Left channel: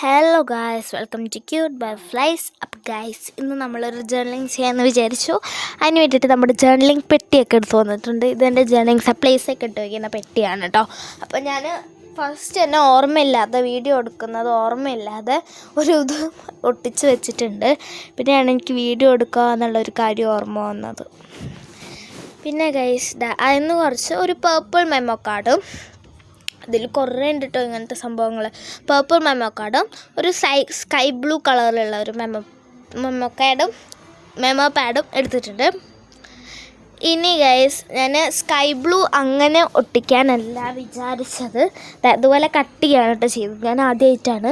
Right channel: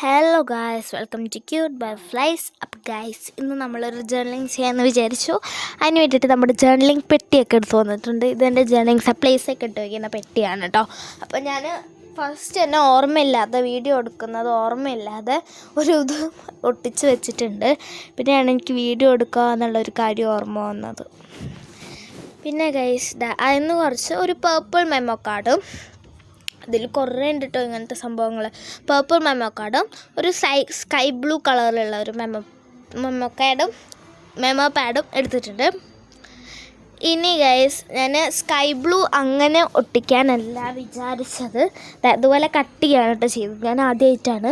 Hello guys, welcome to cute by flies up guys. ഇന്ന് നമ്മളൊരു journalling ചെയ്യാമെന്ന് വിചാരിച്ചു. അതിന് വേണ്ടിയിട്ട് നമ്മുടെ ജേർണലിങ് പെട്ടിയൊക്കെ എടുത്ത് വന്നിട്ടുണ്ട്. ഇതെൻ്റെ ജേർണലിങ് സപ്ലൈസൊക്കെ ഇട്ട് വയ്ക്കുന്ന പെട്ടിയാണ് കേട്ടോ. അപ്പോൾ ഞാൻ ഫസ്റ്റ് തന്നെ ഓർമ്മയില്ലാതെ വീഡിയോ എടുക്കുന്നത് ഓർമ്മയില്ലാതെ ഇത് ഒട്ടിച്ച് വെച്ചിട്ടുണ്ട്. പിന്നെയാണ് എനിക്ക് വീഡിയോ എടുക്കുക എന്നുള്ളൊരു കാര്യം ഓർമ്മ വന്നത്. പിന്നെ ഗൈസ് അതിന് കുറച്ച് ഒരു പേർപ്പിൾ മെമ്മോ കാർഡും, അതിൽ കുറേ ഉണ്ട് കേട്ടോ ഇങ്ങനത്തെ സംഭവങ്ങൾ. പേർപ്പിൾ മെമ്മോ കാർഡും ഒരു സ്കൈ ബ്ലൂ കളറിലുള്ള ഒരു മെമ്മോ പാഡും എടുത്തിട്ടുണ്ട്. ഇനി ഗൈസ് ഞാൻ സ്കൈ ബ്ലൂ അങ്ങനെ ഒട്ടിക്കാനല്ല വിചാരിച്ചത്, അതുപോലെ കട്ട് ചെയ്യാണ് കേട്ടോ ചെയ്തത്. ഞാൻ ആദ്യമായിട്ടാണ്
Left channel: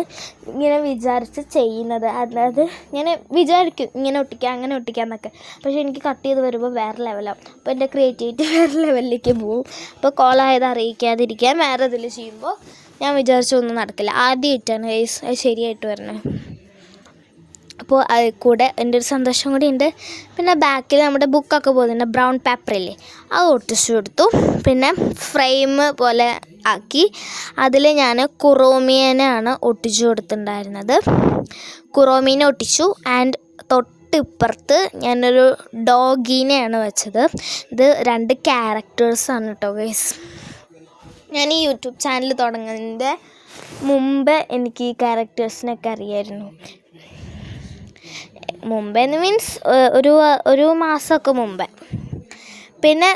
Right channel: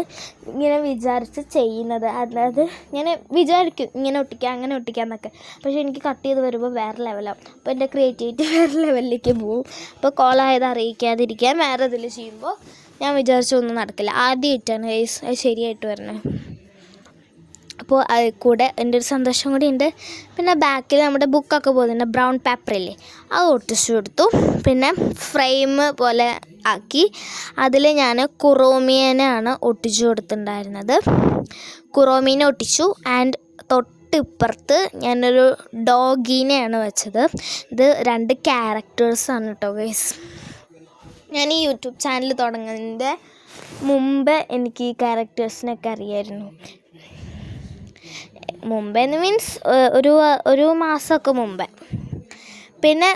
ഇങ്ങനെ വിചാരിച്ച് ചെയ്യുന്നത്. അതായത് ഞാൻ വിചാരിക്കും ഇങ്ങനെ ഒട്ടിക്കാം അങ്ങനെ ഒട്ടിക്കാം എന്നൊക്കെ, പക്ഷേ എനിക്ക് കട്ട് ചെയ്ത് വരുമ്പോൾ വേറെ ലെവലാവും. അപ്പോൾ എൻ്റെ ക്രിയേറ്റിവിറ്റി വേറെ ലെവലിലേക്ക് പോവും. അപ്പോൾ കോളായത് അറിയിക്കാതിരിക്കാൻ വേറെ ഇതിൽ ചെയ്യുമ്പോൾ ഞാൻ വിചാരിച്ചൊന്നും നടക്കില്ല. ആദ്യമായിട്ടാണ് ഗൈസ് അത് ശരിയായിട്ട് വരണേ. അപ്പോൾ അതിൽ കൂടെ എൻ്റെ ഒരു സന്തോഷം കൂടി ഉണ്ട്. പിന്നെ ബാക്കിൽ നമ്മുടെ ബുക്കൊക്കെ പോകുന്നുണ്ട്, ബ്രൗൺ പേപ്പറില്ലേ, അത് ഒട്ടിച്ചു കൊടുത്തു. പിന്നെ ഫ്രെയിം പോലെ ആക്കി അതിൽ ഞാൻ കുറോമിയനാണ് ഒട്ടിച്ചു കൊടുത്തിട്ടുണ്ടായിരുന്നത്. കുറോമീനെ ഒട്ടിച്ചു. ആൻഡ് തൊട്ടിപ്പുറത്ത് ഞാനൊരു ഡോഗീനെയാണ് വെച്ചത്. ഇത് 2 ക്യാരക്ടേഴ്സാണ് കേട്ടോ ഗൈസ്. ഞാൻ ഈ യൂട്യൂബ് ചാനൽ തുടങ്ങുന്നതിൻ്റെ മുമ്പ് എനിക്ക് ഈ ക്യാരക്ടേഴ്സിനൊക്കെ അറിയായിരുന്നു. മുമ്പെന്ന് മീൻസ് ഒരു മാസമൊക്കെ മുമ്പേ. പിന്നെ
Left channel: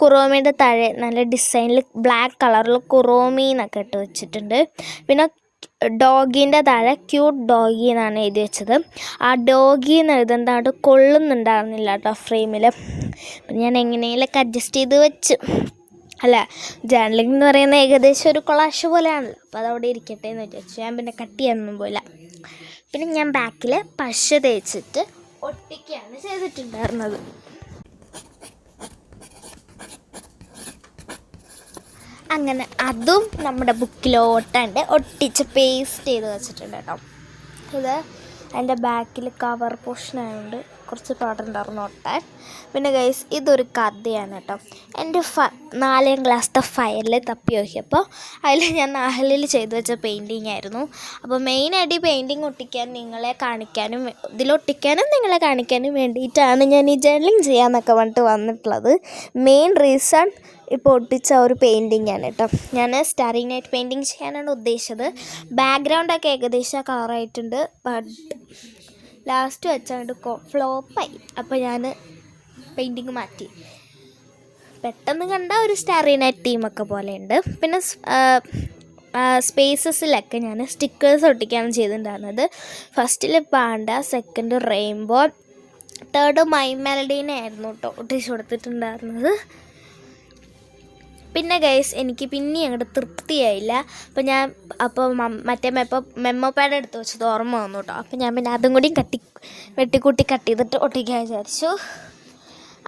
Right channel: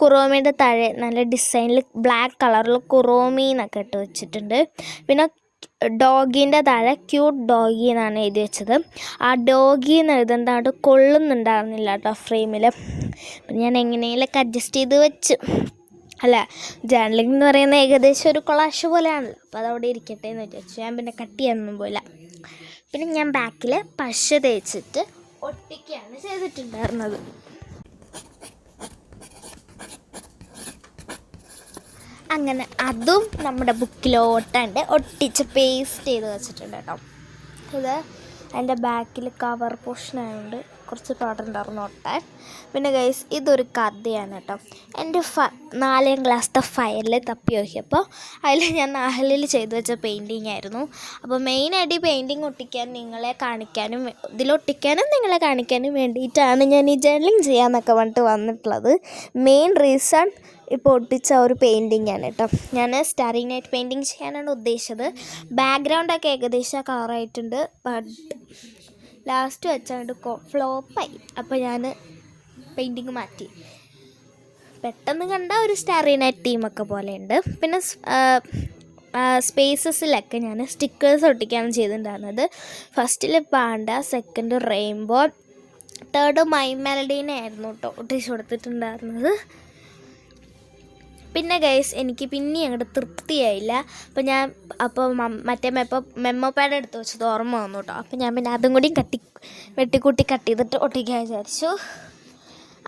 കുറോമിയുടെ താഴെ നല്ല ഡിസൈനിൽ ബ്ലാക്ക് കളറിൽ കുറോമി എന്നൊക്കെ ഇട്ട് വെച്ചിട്ടുണ്ട്. പിന്നെ ഡോഗീൻ്റെ താഴെ ക്യൂട്ട് ഡോഗി എന്നാണ് എഴുതി വെച്ചത്. ആ ഡോഗി എന്ന് എഴുതുന്നതായിട്ട് കൊള്ളുന്നുണ്ടായിരുന്നില്ല കേട്ടോ ഫ്രെയിമിൽ. അപ്പം ഞാൻ എങ്ങനെയെങ്കിലൊക്കെ അഡ്ജസ്റ്റ് ചെയ്ത് വെച്ച്. അല്ല, ജേർണലിംഗ് എന്ന് പറയുന്നത് ഏകദേശം ഒരു കൊളാഷ് പോലെയാണല്ലോ, അപ്പോൾ അതവിടെ ഇരിക്കട്ടെ എന്ന് വിചാരിച്ചു. ഞാൻ പിന്നെ കട്ട് ചെയ്യാനൊന്നും പോയില്ല. പിന്നെ ഞാൻ ബാക്കിൽ പശ തേച്ചിട്ട് ഒട്ടിക്കുകയാണ് ചെയ്തിട്ടുണ്ടായിരുന്നത്. അങ്ങനെ അതും നമ്മുടെ ബുക്കിലോട്ടാണ്ട് ഒട്ടിച്ച് പേസ്റ്റ് ചെയ്ത് വെച്ചിട്ടുണ്ട് കേട്ടോ. ഇത് അതിൻ്റെ ബാക്കിൽ കവർ പോർഷൻ ആയതുകൊണ്ട് കുറച്ച് പാടുണ്ടായിരുന്നു ഒട്ടാൻ. പിന്നെ ഗൈസ് ഇതൊരു കഥയാണ് കേട്ടോ. എൻ്റെ 4ാം ക്ലാസ്സിലെ ഫയലിൽ തപ്പി നോക്കിയപ്പോൾ അതിൽ ഞാൻ 4ൽ ചെയ്തു വെച്ച പെയിൻറ്റിങ് ആയിരുന്നു. അപ്പോൾ മെയിനായിട്ട് ഈ പെയിൻറ്റിങ് ഒട്ടിക്കാൻ നിങ്ങളെ കാണിക്കാനും ഇതിലൊട്ടിക്കാനും നിങ്ങളെ കാണിക്കാനും വേണ്ടിയിട്ടാണ് ഞാൻ ഈ ജേർണലിംഗ് ചെയ്യാമെന്നൊക്കെ പറഞ്ഞിട്ട് വന്നിട്ടുള്ളത്. മെയിൻ റീസൺ ഇപ്പോൾ ഒട്ടിച്ച ഒരു പെയിൻറ്റിങ് ആണ് കേട്ടോ. ഞാൻ സ്റ്റാറി നൈറ്റ് പെയിൻറ്റിങ് ചെയ്യാനാണ് ഉദ്ദേശിച്ചത്. ബാക്ക്ഗ്രൗണ്ടൊക്കെ ഏകദേശം കളറായിട്ടുണ്ട്. ബട്ട് ലാസ്റ്റ് വെച്ചാണ്ട് ഫ്ലോപ്പായി. അപ്പോൾ ഞാൻ പെയിൻറ്റിങ് മാറ്റി. പെട്ടെന്ന് കണ്ട ഒരു സ്റ്റാറി നൈറ്റ് തീമൊക്കെ പോലെയുണ്ട്. പിന്നെ സ്പേസസിലൊക്കെ ഞാൻ സ്റ്റിക്കേഴ്സ് ഒട്ടിക്കാണ് ചെയ്തിട്ടുണ്ടായിരുന്നത്. ഫസ്റ്റിൽ panda, second rainbow, third my മെലഡീനെ ആയിരുന്നു കേട്ടോ ഒട്ടിച്ച് കൊടുത്തിട്ടുണ്ടായിരുന്നത്. പിന്നെ ഗൈസ് എനിക്ക് പിന്നെ അങ്ങോട്ട് തൃപ്തിയായില്ല. അപ്പോൾ മറ്റേ മെമ്മോ പാഡ് എടുത്ത് വെച്ചത് ഓർമ്മ വന്നു കേട്ടോ. അപ്പോൾ ഞാൻ പിന്നെ അതും കൂടി വെട്ടിക്കൂട്ടി കട്ട് ചെയ്തിട്ട് ഒട്ടിക്കാൻ വിചാരിച്ചു.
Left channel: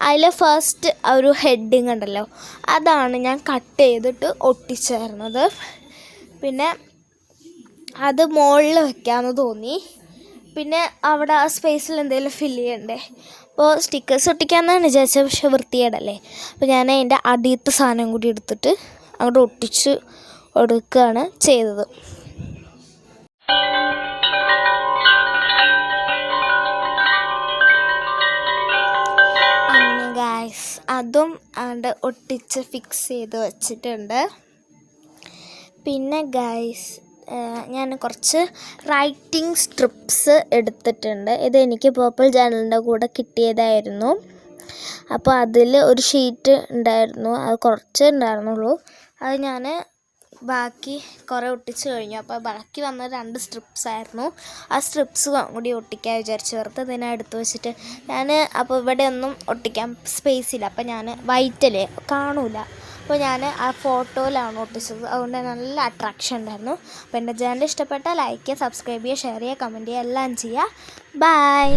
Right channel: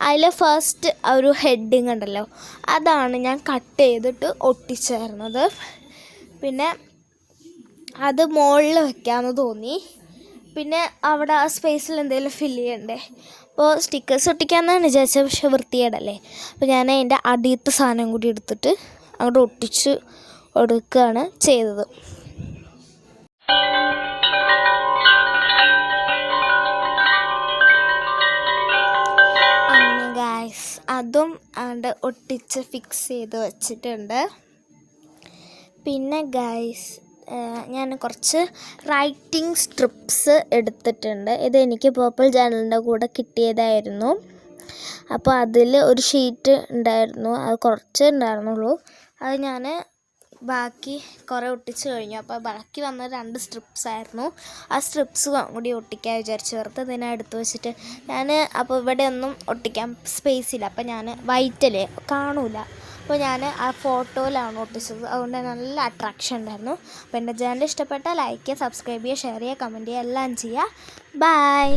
അതിൽ ഫസ്റ്റ് ഒരു ഹെഡിങ് ഉണ്ടല്ലോ, അതാണ് ഞാൻ കട്ട് ചെയ്തിട്ട് ഒട്ടിച്ചായിരുന്നത്. പിന്നെ അത് മുകളിൽ വെക്കാമെന്ന് തോന്നി. പിന്നെ അവിടെ ആ സ്പേസിൽ എന്തെങ്കിലും ഫില്ല് ചെയ്യണ്ടേ. അപ്പോൾ സ്റ്റിക്കേഴ്സ് ഒട്ടിക്കാമെന്നാണ് വിചാരിച്ചത്, പക്ഷെ വൃത്തികേടല്ലേ. അപ്പോൾ ഞാൻ അതിൻ്റെ അടിയത്തെ സാധനം കൂടി എടുത്തിട്ട് അങ്ങോട്ട് ഒട്ടിച്ച് കൊടുക്കുകയാണ് ചെയ്തത്. പിന്നെ ഗൈസ് അതും അവിടെ ഒട്ടിച്ച് ഫിക്സ് ചെയ്ത് വെച്ചിട്ടുണ്ട്. പിന്നെ ഗൈസ് ഞാൻ കുറച്ച് റൈറ്റിംഗ് സ്ട്രിപ്സ് എടുത്തിട്ടുണ്ട്. ഇതെനിക്ക് പേർപ്പിൾ ജേർണലിൻ്റെ കൂടെ കിട്ടിയതായിരുന്നു. അപ്പോൾ അതിൽ ഒരു ഷീറ്റ് ഉണ്ടായിരുന്നു, അത് കുറച്ച് ഉണ്ടായിരുന്നുള്ളൂ. അത് ഞാൻ ബാക്കി കുറേ ഒട്ടിച്ച് കഴിഞ്ഞു. അപ്പോൾ ബാക്കി വന്ന 2 സ്ട്രിപ്സ് ആയിരുന്നു. ആ സ്ട്രിപ്സ് കൂടി ഒട്ടിക്കാൻ വിചാരിച്ച് വെറുതെ ഇതിനെ എടുത്ത് വെച്ചിട്ട് അപ്പോൾ ഇവിടെ ഒന്നും ഒട്ടിക്കാൻ സ്പേസ് ഇല്ല. അപ്പോൾ ഞാൻ വൈറ്റല്ലേ കാണൂല, അപ്പോൾ ഞാൻ ആ ഫോട്ടോയിലാണ് ഒട്ടിച്ചത്. അതുകൊണ്ട് നല്ല അട്രാക്ഷൻ ഉണ്ടായിരുന്നു. അപ്പോൾ എൻ്റെ ചാനൽ ഇഷ്ടപ്പെട്ടാൽ ലൈക്ക് ചെയ്യുക, സബ്സ്ക്രൈബ് ചെയ്യുക, ഷെയർ ചെയ്യുക, കമൻറ്റ് ചെയ്യുക, എല്ലാം ചെയ്യുക. ബൈ.